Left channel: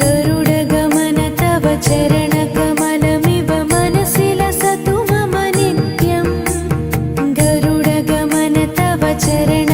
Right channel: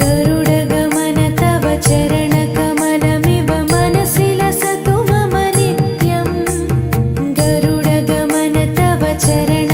गरुडगमन तव चरणकमलमिव मनसि लसतु मम नित्यम् गरुडगमन तव चरण